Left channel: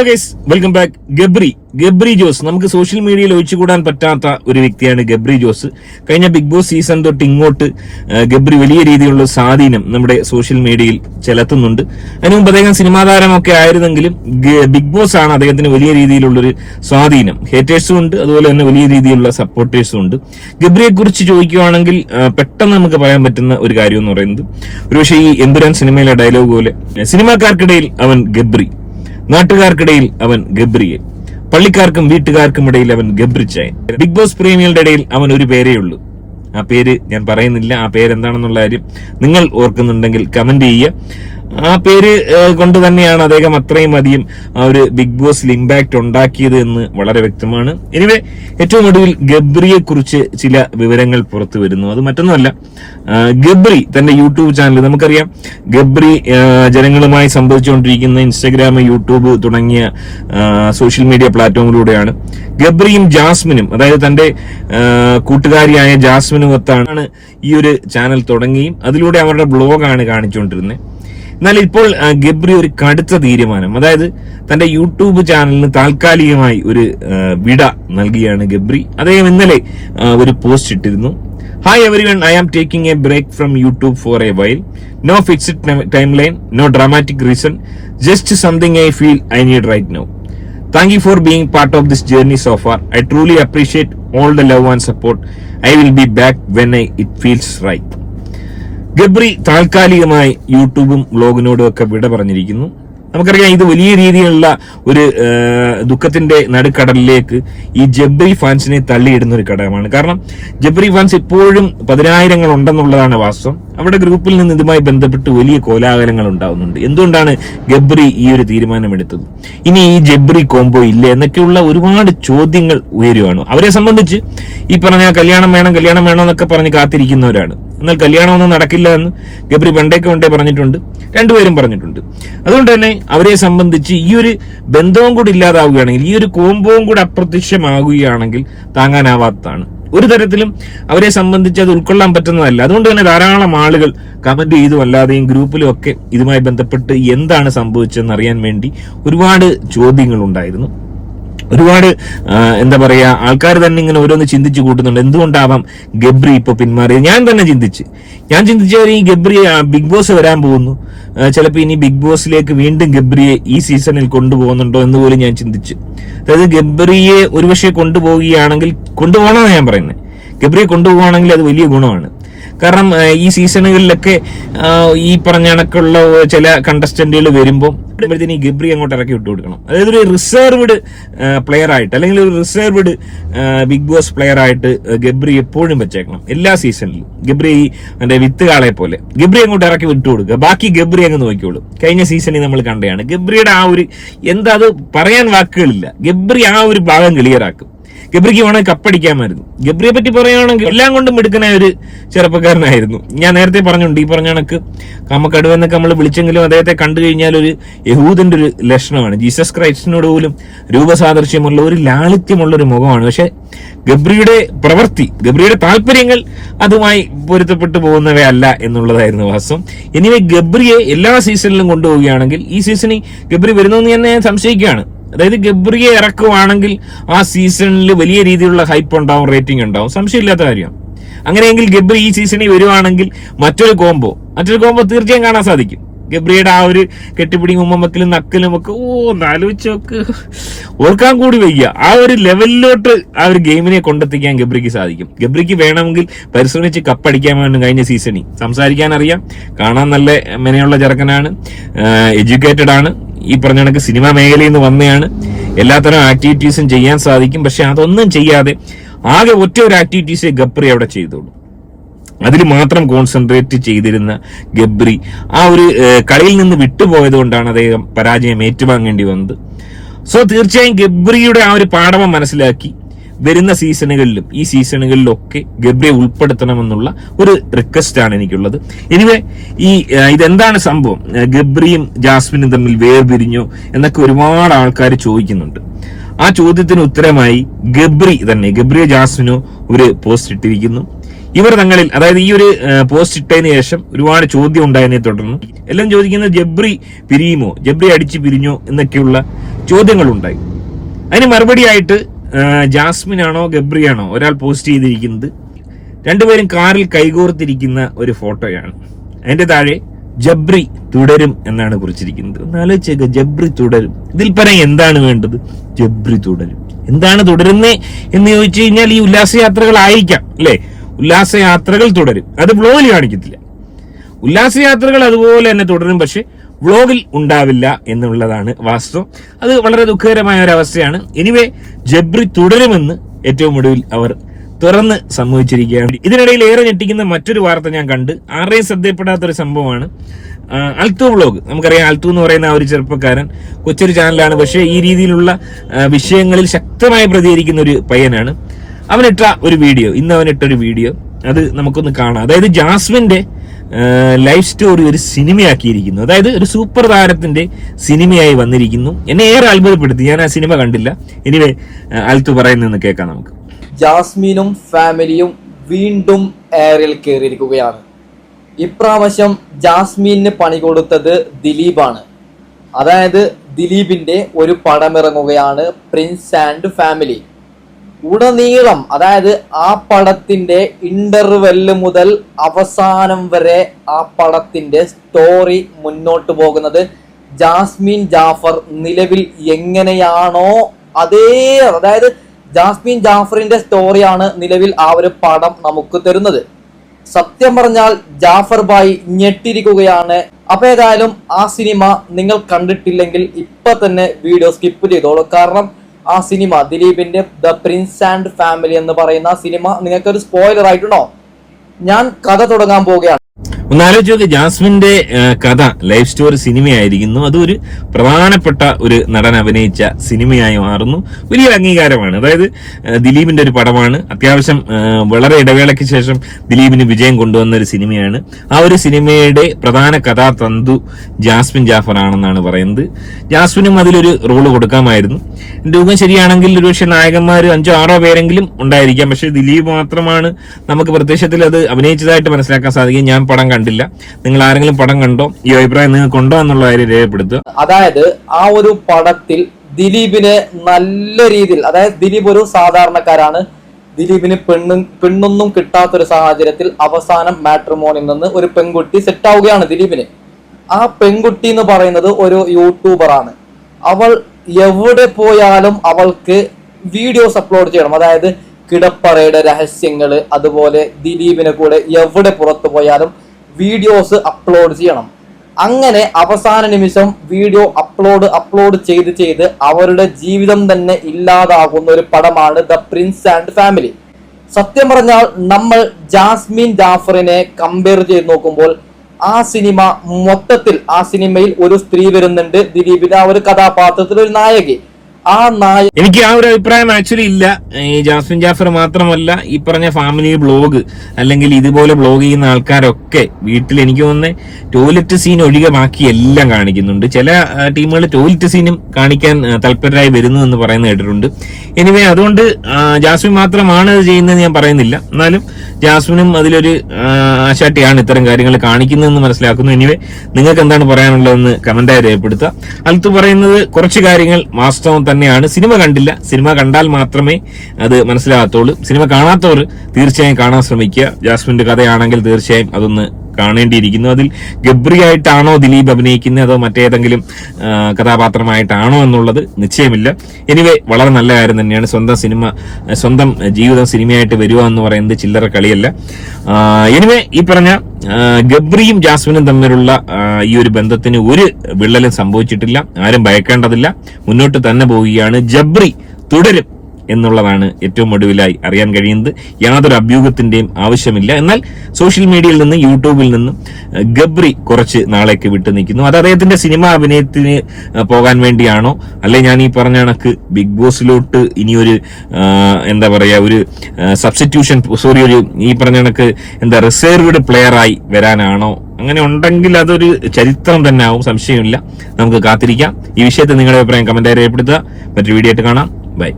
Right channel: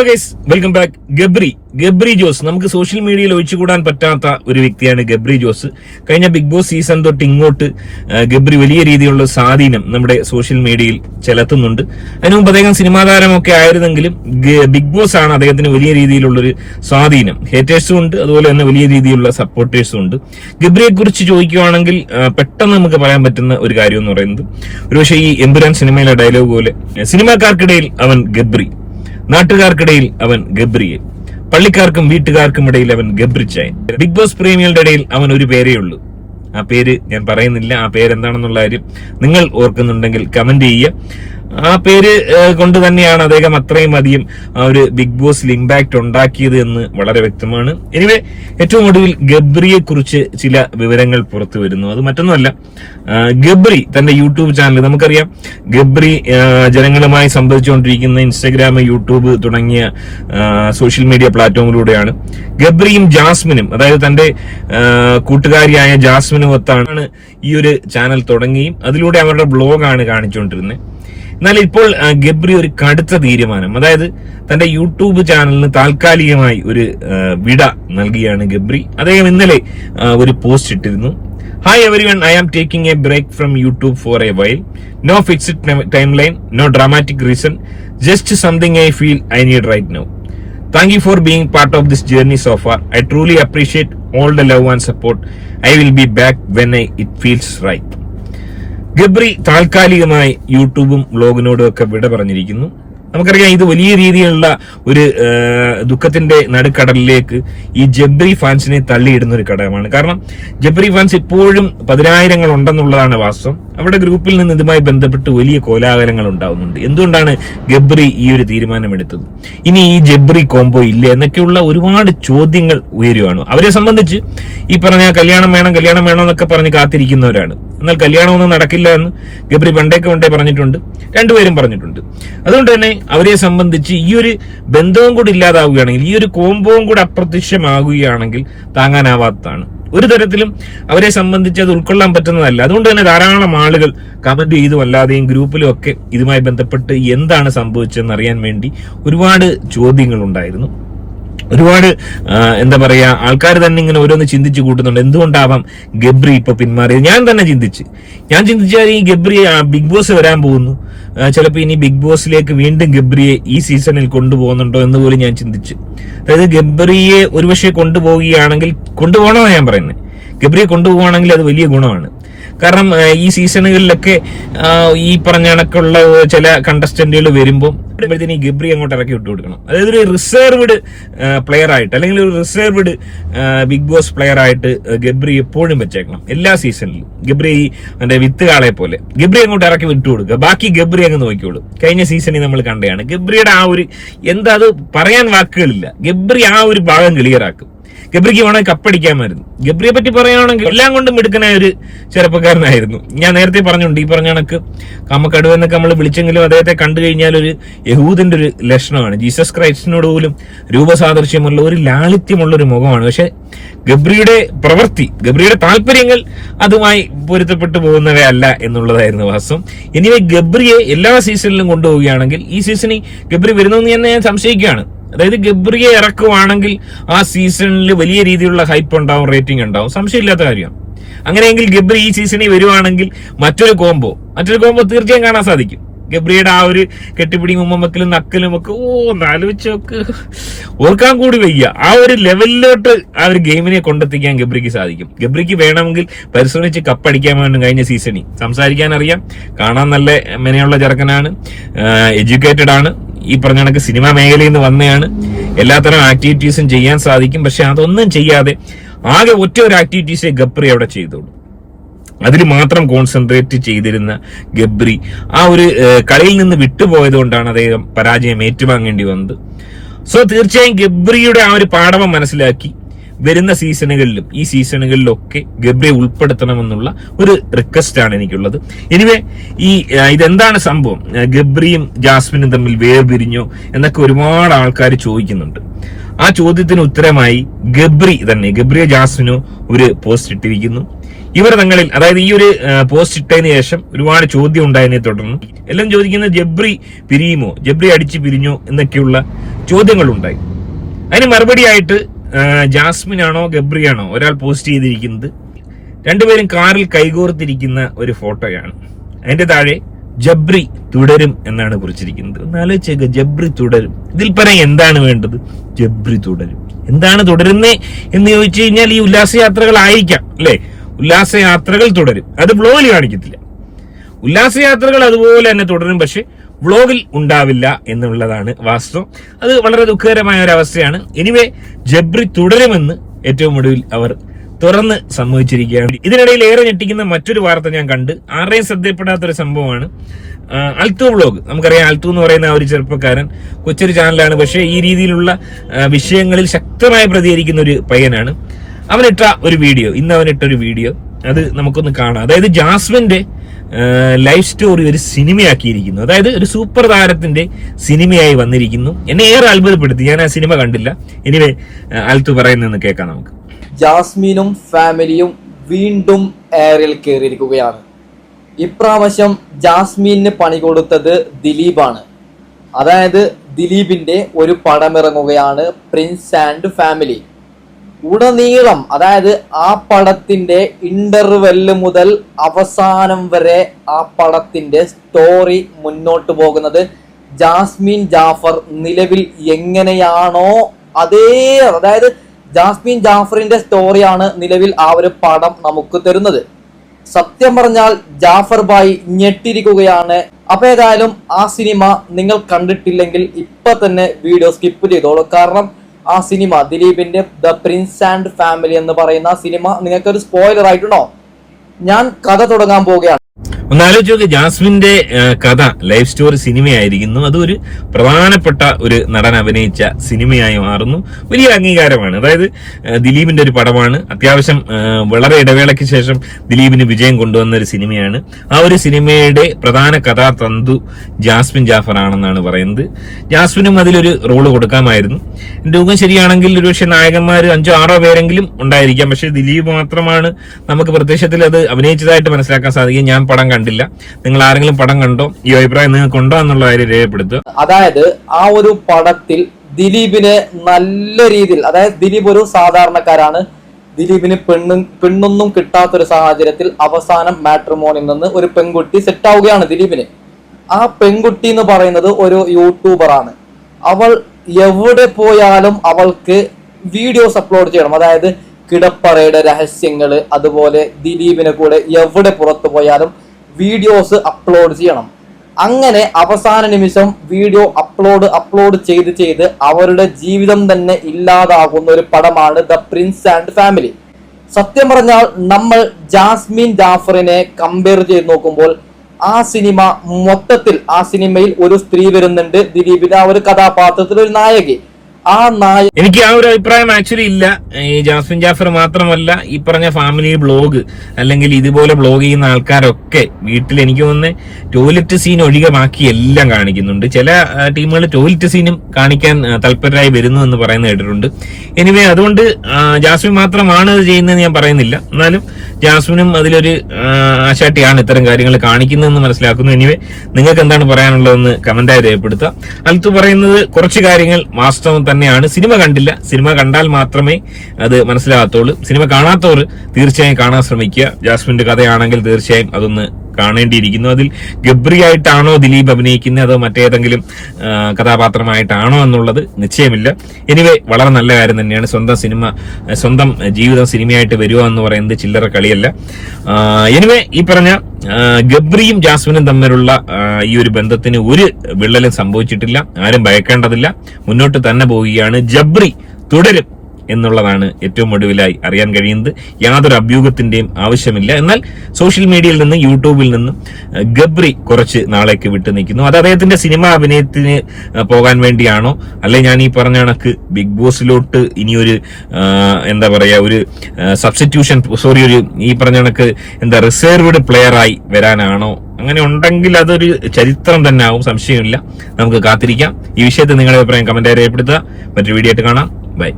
Hello guys welcome back Gabri Gabri Jose നമുക്ക് social മീഡിയയിൽ ഒഴിച്ചുകൂടാൻ പറ്റാത്ത ഒരു വ്യക്തിയാണ് ഗബ്രി ജോസ് കഴിഞ്ഞ ബിഗ് ബോസ് സീസൺ തൊട്ട് ഇങ്ങോട്ട് ഗബ്രി വലിയ രീതിയിലുള്ള സ്വാധീനം നമ്മുടെ സോഷ്യൽ മീഡിയയിൽ ചെലുത്തുന്നുണ്ട്. അതിനു മുമ്പ് അദ്ദേഹം സിനിമാ താരമൊക്കെ ആയിരുന്നെങ്കിലും ബിഗ് ബോസ് ആണ് അദ്ദേഹത്തിന് വലിയ രീതിയിലുള്ള ഒരു സ്വാധീനം ഹേറ്റേഴ്സും ഉണ്ട്. അതുപോലെ തന്നെ വലിയ രീതിയിലുള്ള സപ്പോർട്ടേഴ്സും ഉണ്ട്. ഗബ്രിയെ കുറിച്ച് ചോദിക്കുവാണെങ്കിൽ പെട്ടെന്ന് നമുക്ക് പറയാൻ പറ്റുന്ന ഒരു കാര്യം എന്ന് പറയുന്നത് ഒരുപക്ഷെ ഈ എമ്പുരാൻ സിനിമയിലെ ഡയലോഗ് പോലെ സിനിമാക്കാർക്കിടയിൽ അവൻ ഗബ്രി നാട്ടുകാർക്കിടയിൽ അവൻ ഗബ്രിയെ പള്ളിക്കാർക്കും വീട്ടുകാർക്കും ഇടയിൽ അവൻ ഗബ്രിച്ചായൻ ബിഗ് ബോസ് പ്രേമികളുടെ ഇടയിൽ അവൻ ഒരു പേരേ ഉള്ളൂ. ആ പേര് ഞാൻ പറയുന്നില്ല ആ പേര് എന്താണെന്നുള്ള കാര്യം നിങ്ങൾ ഓർക്കുന്നുണ്ടെങ്കിൽ കമന്റ് ചെയ്യുക. ആ പേര് കൊണ്ട് തന്നെയാണ് അദ്ദേഹം അത്രയും അധികം ആ ഒരു ബിഗ് ബോസിൽ ഇമ്പാക്ട് ഉണ്ടാക്കിയത് എന്ന് വളരെ വ്യക്തമാണ്. എനിവേ ഏറ്റവും ഒടുവിൽ ഗബ്രിയെ കുറിച്ച് ചില വിവരങ്ങൾ പുറത്തു വരുന്നു. അത് മറ്റൊന്നുമല്ല. ഗബ്രി തന്റെ യൂട്യൂബ് ചാനൽ നമുക്കറിയാം ഗബ്രി ജനങ്ങളുമായി സംവദിച്ചുകൊണ്ടിരിക്കുന്ന ഇൻസ്റ്റഗ്രാം യൂട്യൂബ് തുടങ്ങിയ സോഷ്യൽ മീഡിയ പ്ലാറ്റ്ഫോമിലൂടെയാണ്. ഗബ്രിയും ജാസ്മിനും അതായത് തന്റെ കൂട്ടുകാരിയായ ജാസ്മിനും ഒത്താണ് ഈ ഒരു ചാനൽ തുടങ്ങിയും അതിലൂടെ അവരുടെ ബ്ലോഗാണ് കാണിച്ചുകൊണ്ടിരുന്നത്. എന്നാൽ ഇപ്പോൾ ഗബ്രി ഒരു കടുത്ത തീരുമാനം. അതായത് തന്റെ യൂട്യൂബ് ചാനലിന് താൽക്കാലികമായി ഒരു വിട നൽകിയാണ് ഗബ്രി. അദ്ദേഹം ഇന്നലെ ഒരു പോസ്റ്റ് ഇട്ടിരുന്നു. Hi everyone I am taking a break from YouTube for a while no fixed timeline no dramatic reason just something I feel I need right now thank you for being part of this journey so far I truly appreciate all the love and support I will be back when I it feels right Gabri താൽക്കാലികമായി യൂട്യൂബും വ്ലോഗിനോടും ഒക്കെ വിട പറഞ്ഞിരിക്കുന്നു. നമുക്കറിയാം ഇത് വലിയ രീതിയിലുള്ള ഒരു ദുഃഖത്തിന്റെ നടുക്കടലിലേക്ക് ഈ ജബ്രി ഫാൻസിനെ തള്ളിയിടുന്ന ഒരു ഘടകമാണ്. കാരണം ജബ്രി ഫാൻസ് ഇപ്പോഴും പതിനായിരങ്ങൾ ഉണ്ടെന്നുള്ളതാണ് വാസ്തവം. അവിടെ ഗ്രൂപ്പിൽ നിന്ന് ഇതുമായി ബന്ധപ്പെട്ട് വലിയ കോലാഹലങ്ങൾ ഉണ്ടാവുന്നുണ്ട്. എന്തുകൊണ്ടാണ് ഗബ്രി ഈ ഒരു തീരുമാനമെടുത്തത്? ഇനി ഈ ജബ്രി കോംബോ ഇല്ല എന്നൊക്കെയുള്ള ഒരുപാട് ചോദ്യങ്ങൾ ഉയരുവാണ്. അവരെ സംബന്ധിച്ച് ഈ പറഞ്ഞ കല്യാണം വേണം കല്യാണം വേണം എന്നൊക്കെ പറഞ്ഞ് കാത്തിരിക്കുന്നവരാണ്. എന്നാൽ കല്യാണമൊന്നും നടക്കില്ല എന്ന് ഗബ്രി പണ്ടേക്ക് പണ്ടേ പറഞ്ഞിട്ടുണ്ട്. രണ്ടുപേരും പറഞ്ഞിട്ടുണ്ട്. അതുകൊണ്ട് തന്നെ അവരെ സംബന്ധിച്ച് ഈ ഒരു ബന്ധവും കൂടി ഇല്ലാതാവുകയാണെങ്കിൽ ഈ ഒരു കോമ്പവും കൂടി അപ്രത്യക്ഷമാകുകയാണെങ്കിൽ താങ്ങാനാവാത്തതാണ്. ഒരു തരത്തിലും അവരെ സംബന്ധിച്ച് അത് ഉൾക്കൊള്ളാൻ പറ്റുന്നതല്ല. അതുകൊണ്ട് തന്നെ ധാരാളം ആളുകൾ കമന്റ് ചെയ്തും അല്ലാതെയും ഗ്രൂപ്പിലും ഒക്കെ ഇതുമായി ബന്ധപ്പെട്ട് എന്താണ് സംഭവിച്ചതെന്ന് അറിയാൻ വേണ്ടി ഒരുപാട് ചോദ്യങ്ങൾ ഉണ്ടായിരുന്നു ഒരുപാട് എന്താ പറയാ ആൾക്കാർ തന്നെ ഇങ്ങനെ ഓരോന്ന് ചിന്തിച്ചു കൂട്ടുന്നുണ്ട്. എന്തുകൊണ്ടാവാം ഗബ്രി ഇപ്പൊ പിന്മാറിയത്? ഞാൻ തന്നെ ചിന്തിച്ച്. ഞാൻ ചിന്തിച്ചാൽ ഈ ഗബ്രി ബിഗ് ബോസ് വരാൻ പോകുന്നു. ചിലപ്പോൾ ഇനി ബിഗ് ബോസിലേക്ക് വീണ്ടും ഗബ്രിയെ ഈ സീസണിൽ കൊണ്ടുപോകുന്നുണ്ടോ എന്ന് പോലും ഞാൻ ചിന്തിച്ചു. അതായത് ഗബ്രിയെ ഒരുപക്ഷെ കൊണ്ടുപോവുകയാണെങ്കിൽ കൊണ്ടുപോകണമെന്ന് ഞാൻ പറയുന്നത് ഗബ്രിയെ കൊണ്ടുപോവുകയാണെങ്കിൽ അത് വലിയ ഗുണമാണ്. കാരണം ഈ സീസണുകളിലൊക്കെ ഈ പറഞ്ഞ കണക്കുള്ള ചില കണ്ടസ്റ്റന്റുകൾ വരുമ്പോൾ ഈ ഗബ്രി അങ്ങോട്ട് ഇറക്കി വിട്ടു കൊടുക്കണം. അതായത് ഒരു റിസർവ്ഡ് പ്ലെയർ ആയിട്ട് അല്ലെങ്കിൽ ഒരു റിസർവ്ഡ് ബിഗ് ബോസ് പ്ലെയർ ആയിട്ട് ഗബ്രി എപ്പോഴും വെച്ചേക്കണം. എല്ലാ സീസണിലും ഗബ്രി എന്റെ വിത്ത് വിത്തുകാളെ പോലെ. ഗബ്രി അങ്ങോട്ട് ഇറക്കി വിട്ടു കൊടുക്കുക. ബാക്കി ഗബ്രി അങ്ങ് നോക്കിയോളൂ കഴിഞ്ഞ സീസണിൽ നമ്മൾ കണ്ടതാണ്. ഗബ്രിയുടെ ആ ഒരു എന്താ അത് പറയാൻ വാക്കുകളില്ല. ഗബ്രി ആ ഒരു ഭാഗം ക്ലിയർ ആക്കും. ഗബ്രിക്ക് വേണമെങ്കിൽ കപ്പടിക്കാമായിരുന്നു. ഗബ്രിയെ പറ്റി പറയുകയാണെങ്കിൽ എല്ലാം കൊണ്ടും മിടുക്കനായ ഒരു ചെറുപ്പക്കാരനായിരുന്നു. ഞാൻ നേരത്തെ പറഞ്ഞിട്ടുണ്ട് ഈ പറഞ്ഞ കണക്ക് കമ്മക്കടുവ എന്നൊക്കെ നമ്മൾ വിളിച്ചെങ്കിലും അദ്ദേഹത്തെ കണ്ടു കഴിഞ്ഞാൽ ഒരു യഹൂദിന്റെ ഒരു ലക്ഷണമാണ്. ജീസസ് ക്രൈസ്റ്റിനോട് പോലും രൂപസാദൃശ്യമുള്ള ഒരു ലാളിത്യമുള്ള ഒരു മുഖമാണ്. പക്ഷെ ഗബ്രിയുടെ പ്രവൃത്തി ഗബ്രിയുടെ താല്പര്യങ്ങൾ അതുമായി പൊരുത്തപ്പെട്ടു പോകുന്നവയല്ല എന്നുള്ളതായിരുന്നു വാസ്തവം. എനിവേ ഗബ്രിയെ എല്ലാ സീസണിലും കൊണ്ടുപോവുകയാണെങ്കിൽ ഈ സീസണിൽ ഗബ്രി വരുന്നതെന്ന് തന്നെ ഞാൻ സംശയിക്കുകയാണ്. അതായത് ഗബ്രിയെ ഇറക്കുവാണെങ്കിൽ ആ സീസണിൽ വലിയ രീതിയിലുള്ള ഹൈപ്പ് ഉണ്ടാവും റേറ്റിംഗ് ഉണ്ടാവും. സംശയമില്ലാത്ത കാര്യം. അങ്ങനെയെങ്കിൽ ഗബ്രി ഈ സീസണിൽ വരുവാണെങ്കിൽ മറ്റൊരു കോംബോ. മറ്റൊരു കോംബോ തീർച്ചയായും കാണാൻ സാധിക്കും. ഗബ്രിയുടെ ആ ഒരു കെട്ടിപ്പിടി മുമ്മക്കലും നക്കലും ഒക്കെ ഓ നാലോചിച്ച് നോക്ക്. ഓർക്കാൻ കൂടി വയ്യ. ആ ഒരു ലെവലിലോട്ട് ആ ഒരു ഗെയിമിനെ കൊണ്ടെത്തിക്കാൻ ഗബ്രിക്ക് സാധിക്കും. ഗബ്രിക്ക് വേണമെങ്കിൽ പരിശ്രമിച്ച് കപ്പടിക്കാൻ വേണ്ടി കഴിഞ്ഞ സീസണിൽ. സംസാരിക്കാൻ അറിയാം. കാണാൻ നല്ല മെനയുള്ള ചെറുക്കനാണ്. എഡ്യൂക്കേറ്റഡ് ആണ്. ഈ പറഞ്ഞ കണക്ക് സിനിമാ മേഖലയിൽ നിന്ന് വന്നതാണ് എല്ലാത്തരം ആക്ടിവിറ്റീസും ചെയ്യാൻ സാധിക്കും. പക്ഷെ അതൊന്നും ചെയ്യാതെ ആകെ ഒറ്റ ഒരു ആക്ടിവിറ്റീസേ ഗബ്രി അവിടെ ചെയ്തോളൂ അതിൽ മാത്രം കോൺസെൻട്രേറ്റ് ചെയ്തിരുന്ന ഗബ്രി ആ ഒരു കളിയിൽ നിന്ന് വിട്ടുപോയത് കൊണ്ടാണ് അദ്ദേഹം പരാജയം ഏറ്റുവാങ്ങേണ്ടി വന്നത്. സോ തീർച്ചയായും ഗബ്രിയുടെ ആ ഒരു പാഠം മനസ്സിലാക്കി. വരുന്ന സീസണുകളിലും ഈ സീസണുകളിലൊക്കെ ഗബ്രിയെ ഉൾപ്പെടുത്തണമെന്നുള്ള ഒരു റിക്വസ്റ്റ് ആണ് എനിക്കുള്ളത്. എനിവേ ഈ ഇതെന്താണ് സംഭവം? ഗബ്രിയും ജാസ്മിനും തമ്മിൽ വേർപിരിഞ്ഞോ എന്നൊക്കെ ഒരുപാട് ആൾക്കാർ ചോദിക്കുന്നുണ്ട്. ആ ചോദ്യത്തിന് ഉത്തരമായി ഗബ്രി തന്നെ ഗബ്രിയോ ജാസ്മിനോ ഒരു പോസ്റ്റ് ഇട്ടിരിക്കുന്നു. ഇവർ തങ്ങളിൽ അതായത് ഈ ഒരു പോസ്റ്റ് ഇട്ടതിന് ശേഷം ഒരുപാട് ചോദ്യം ഉണ്ടായതിനെ തുടർന്ന് എല്ലാം ചോദിക്കുന്നത് ജബ്രി പിരിയുമോ? ജബ്രി അടിച്ച് പിരിഞ്ഞോ എന്നൊക്കെയുള്ള ചോദ്യങ്ങളുണ്ടായി. അതിന് മറുപടിയായിട്ട് ജാസ്മിൻ ആണോ ഗബ്രി ആണോ ഒരാൾ പോസ്റ്റ് ചെയ്തിരിക്കുന്നത്? രണ്ടുപേരും കാറിൽ കൈകോർത്തിരിക്കുന്ന ഒരു ഫോട്ടോയാണ്. അതിന്റെ താഴെ ജബ്രി തുടരും എന്നാണ് കുറിച്ചിരിക്കുന്നത്. ഒന്ന് ആലോചിച്ചേക്ക് ജബ്രി തുടരും. ഇതിൽ പറയാൻ എന്താണ് വേണ്ടത്? ജബ്രി തുടരും. എന്താണ് തുടരുന്നത് എന്ന് ചോദിച്ചു കഴിഞ്ഞാൽ ഈ ഉല്ലാസയാത്രകളായിരിക്കാം അല്ലെ? ഉല്ലാസയാത്രകൾ തുടരും. അത് ബ്ലോഗിൽ കാണിക്കത്തില്ല. ഉല്ലാസയാത്രകൾ അതുപോലെ തന്നെ തുടരും പക്ഷെ വ്ളോഗിൽ ഉണ്ടാവില്ല എന്നുള്ളതാണ് വാസ്തവം. അത് വളരെ ദുഃഖകരമായ ഒരു അവസ്ഥയാണ്. എനിവേ ജബ്രി തുടരുമെന്ന് ഏറ്റവും ഒടുവിൽ അവർ തുറന്ന് സംഭവിച്ചിരിക്കുകയാണ് ഇതിനിടയിൽ ഏറെ ഞെട്ടിക്കുന്ന മറ്റൊരു വാർത്ത ഞാൻ കണ്ട്. ആരെയും ശ്രദ്ധയപ്പെടാത്ത ഒരു സംഭവമാണ് അൽത്തു വ്ളോഗ് നമുക്കറിയാം അൽത്തു എന്ന് പറയുന്ന ആ ഒരു ചെറുപ്പക്കാരൻ കൊച്ചൊരു ചാനലാണ് പക്ഷേ ഈ രീതിയിലുള്ള വിഷയങ്ങളിൽ ശക്തമായി പ്രതികരിക്കുന്ന ഒരു പയ്യനാണ്. അവനിട്ട ഒരു വീഡിയോ ഇന്ന് അവനിട്ട ഒരു വീഡിയോ അത് നമുക്കൊന്ന് കാണാം. അതായത് ജാസ്മിന്റെ ലൈഫ് സ്റ്റോറി ഒരു സിനിമയാക്കിയിരിക്കുന്നു. അതായത് ഒരു സൂപ്പർ താരത്തിന്റെ സിനിമയായി വന്നിരിക്കുന്നു. എന്നെ ഏറെ അത്ഭുതപ്പെടുത്തി. ഞാൻ ആ സിനിമ കണ്ടില്ല. എനിവേ അൽത്തു പറയുന്നതെന്ന് കേൾക്കാം നമുക്ക്. ജാസ്മിനും ഫാമിലിയും വീണ്ടും എയറിൽ കയറിയിരിക്കുകയാണ്. ഇപ്രാവശ്യം ജാസ്മിന് പണി കൊടുത്തത് ദിലീപാണ്. അതായത് ദിലീപിന്റെ ഒരു പടമിറങ്ങുകയാണ് പ്രിൻസ് ആൻഡ് ഫാമിലി. ഉടനീളം അതായത് ആ പടത്തിന്റെ ഇന്റർവെല്ല് മുതൽ അവസാനം വരെ ആ പടത്തിന്റെ സ്റ്റോറി മുന്നോട്ട് പോകുന്നത് ജാസ്മിൻ ജാഫർ നിലവിൽ എങ്ങനെയാണോ അതേ അതായത് ജാസ്മിൻ ജാഫറിന്റെ സ്റ്റോറിയാണ് നിലവിൽ ആ ഒരു പടം നമുക്ക് തരുന്നത്. സത്യം പറഞ്ഞാൽ ജാഫർ ബായി ഞെട്ടിരിക്കുകയാണ്. അപ്പൊ ഏതായാലും ആ സിനിമ നിങ്ങൾ കണ്ടിട്ടില്ലെങ്കിൽ ഇപ്പൊ തന്നെ വീഡിയോ സ്കിപ്പ് ചെയ്തോളൂ. കാരണം ആ സിനിമ ദിലീപിന്റെ ദ പ്രിൻസ് ആൻഡ് ഫാമിലി എന്ന് പറയുന്ന ആ സിനിമ. നിങ്ങൾക്ക് ഒരു സ്പോയിലർ ആയിട്ടുണ്ടോ? ഞാൻ കഥ തുടങ്ങാൻ പോവുകയാണ്. ഒന്ന് ആലോചിച്ച് നോക്ക് ജാസ്മിന്റെ കഥ ലൈഫ് സ്റ്റോറി സിനിമയായിരിക്കുന്നു. അതൊരു പ്രധാനപ്പെട്ട ഒരു നടൻ അഭിനയിച്ച സിനിമയായി മാറുന്നു. വലിയ അംഗീകാരമാണ്. അതായത് ദിലീപിന്റെ ഒരു പടമാണ്. അത്യാവശ്യം വളരെ ഇടവേളയ്ക്ക് ശേഷം ദിലീപിന് വിജയം കൊണ്ടുവന്ന ഒരു സിനിമയാണ്. ആ ഒരു സിനിമയുടെ പ്രധാന കഥാതന്തു ജാസ്മിൻ ജാഫർ ആണെന്നാണ് പറയുന്നത്. ജാസ്മിനും അതിലൊരു റോൾ കൊടുക്കാമായിരുന്നു. രൂപം ശരിയാണെങ്കിൽ ഒരുപക്ഷെ നായകന്മാർ അഞ്ചോ ആറോ പേരെങ്കിലും ഉണ്ടായിരിക്കാം. പക്ഷെ ദിലീപ് മാത്രമാണ് നമുക്ക് പ്രത്യക്ഷത്തിൽ അത് അഭിനയിച്ചതായിട്ട് മനസ്സിലാക്കാൻ സാധിക്കും. ഞാൻ പടം കണ്ടില്ല. നിങ്ങൾ ആരെങ്കിലും പടം കണ്ടോ? ഈ അഭിപ്രായം നിങ്ങൾക്ക് ഉണ്ടോ എന്നുള്ള കാര്യം രേഖപ്പെടുത്തുക. അതായത് ആ ഒരു പടത്തിൽ ദിലീപിനെ നല്ല രീതിയിൽ അതായത് ദിലീപ് ഒരു സാധാരണക്കാരാണ്. ദിലീപിന് പെണ്ണും പെണ്ണൊന്നും കിട്ടാത്തൊരു സാഹചര്യത്തിൽ അവസാനം മാട്രിമോണിൽ നിന്ന് ഒരു പെൺകുട്ടി സെറ്റ് ആവുകയാണ് ദിലീപിന്. ആ പെൺകുട്ടി എന്ന് പറയുന്നത് ഒരു യൂട്യൂബറാണ് അവൾ എവിടെ പോയാലും അവൾക്ക് വീഡിയോസ് അപ്ലോഡ് ചെയ്യണം. അതായത് കിടപ്പറയുടെ രഹസ്യങ്ങൾ അതുപോലെ ദിലീപിനെ കൂടെ എവിടെ പുറത്തു പോയാലും വീഡിയോസ് അപ്ലോഡ് ചെയ്യണം. അങ്ങനെ അവസാന നിമിഷം വീഡിയോ അപ്ലോഡ് അപ്ലോഡ് ചെയ്ത് ചെയ്ത് അവരുടെ ജീവിതം തന്നെ ഇല്ലാതാകുന്ന ഒരു പടമാണ് ദ പ്രിൻസ് ആൻഡ് ഫാമിലി സത്യം പറഞ്ഞാൽ നമ്മൾ ജാസ്മിൻ ജാഫറിനെ കമ്പയർ ചെയ്ത് നോക്കുമ്പോൾ ആ സിനിമ മൊത്തത്തിൽ ആ സിനിമയിൽ ഒരു സ്ത്രീ വരുന്നുണ്ട്. ദിലീപിന് ആ ഒരു കഥാപാത്രത്തിൽ ഒരു നായകി ആ നായ എനിക്ക് ആ ഒരു അഭിപ്രായം ആക്ച്വലി ഇല്ല. ഈ ജാസ്മിൻ ജാഫർ മാത്രമല്ല ഈ പറഞ്ഞ ഫാമിലി ബ്ലോഗ് അല്ലെങ്കിൽ ഇതുപോലെ ബ്ലോഗ് ചെയ്യുന്ന ആൾക്കാരൊക്കെ വീട്ടിൽ എനിക്ക് തോന്നുന്നത് ടോയ്ലറ്റ് സീൻ ഒഴികെ ബാക്കി എല്ലാം കാണിക്കുന്നുണ്ട്. ചില ടീമുകൾ ടോയ്ലറ്റ് സീനും കാണിക്കാൻ തൽപരരായി വരുന്നു എന്ന് പറയുന്ന കേട്ടിട്ടുണ്ട്. എനിവേ അതുകൊണ്ട് ജാസ്മിൻ മാത്രമാണ് ഇത് ചെയ്യുന്നത് ഞാൻ പറയുന്നില്ല. എന്നാലും ജാസ്മിനും അതിലൊരു ആശാട്ടിയാണ് ഇത്തരം കാര്യങ്ങൾ കാണിക്കുന്നതെന്ന് മനസ്സിലാക്കുന്നു. എനിവേ നിങ്ങൾക്ക് എന്താണ് പറയാനുള്ളതെന്ന് കമന്റായി രേഖപ്പെടുത്തുക അൽത്ത് പറയുന്നത് കുറച്ച് കാര്യങ്ങൾ വാസ്തവം തന്നെയാണ്. സിനിമ കണ്ടില്ല. സിനിമ കണ്ടാൽ മാത്രമേ അത് മനസ്സിലാകത്തുള്ളൂ. സിനിമ കാണാത്തവർ തീർച്ചയായും കാണാൻ ശ്രമിക്കുക. ജാസ്മിന്റെ കഥയാണെങ്കിൽ തീർച്ചയായും അതൊന്ന് കാണേണ്ടിയിരിക്കുന്നു. അതിൽ ഗബ്രിയായിട്ടാണോ ദിലീപ് അഭിനയിക്കുന്നത് അതോ മറ്റേതെങ്കിലും കഥാപാത്രമായിട്ടാണോ എന്നുള്ളത് നിശ്ചയമില്ല. എനിവേ വളരെ നല്ല കാര്യം തന്നെയാണ്. സ്വന്തം സിനിമ സ്വന്തം ജീവിതം സിനിമയായിട്ട് വരിക എന്ന് പറയുന്നത് ചില്ലറ കളിയല്ല. എനിവേ ഈ പറഞ്ഞ ഗബ്രിയും ജാസ്മിനും തമ്മിലുള്ള ഈ ഒരു ബന്ധത്തിന് ഒരു വിള്ളലും സംഭവിച്ചിട്ടില്ല. ആരും ഭയക്കേണ്ടതില്ല. മുന്നോട്ട് തന്നെ പോവുകയാണ്. ജബ്രി തുടരും. എന്നുള്ളതാണ് ഏറ്റവും ഒടുവിലായി അറിയാൻ കഴിയുന്നത്. യാതൊരു അഭ്യൂഹത്തിന്റെയും ആവശ്യമില്ല. എന്നാൽ സോഷ്യൽ മീഡിയയിൽ നിന്ന് യൂട്യൂബിൽ നിന്നും ഗബ്രി കുറച്ച് നാളേക്ക് വിട്ടു നിൽക്കുന്നു. അത് അദ്ദേഹത്തിന്റെ സിനിമ അഭിനയത്തിന് പോകാൻ വേണ്ടിയാണോ? അല്ലെ ഞാൻ ഈ പറഞ്ഞ കണക്ക് ബിഗ് ബോസിലോട്ട് ഇനിയൊരു എന്താ പറയാ ഒരു സബ്സ്റ്റിറ്റ്യൂഷൻ സോറി ഒരു ഈ പറഞ്ഞ കണക്ക് എന്താ റിസർവ്ഡ് പ്ലെയറായി വരാനാണോ? അങ്ങനെ ഉണ്ടെങ്കിൽ അതൊരു ചരിത്രം തന്നെ ആവും. സംശയമില്ല. നമുക്ക് കാത്തിരിക്കാം. ഈ വിഷയത്തെ നിങ്ങളുടെ അഭിപ്രായം കമന്റായി രേഖപ്പെടുത്തുക. മറ്റൊരു വീഡിയോ ആയിട്ട് കാണാം. ബൈ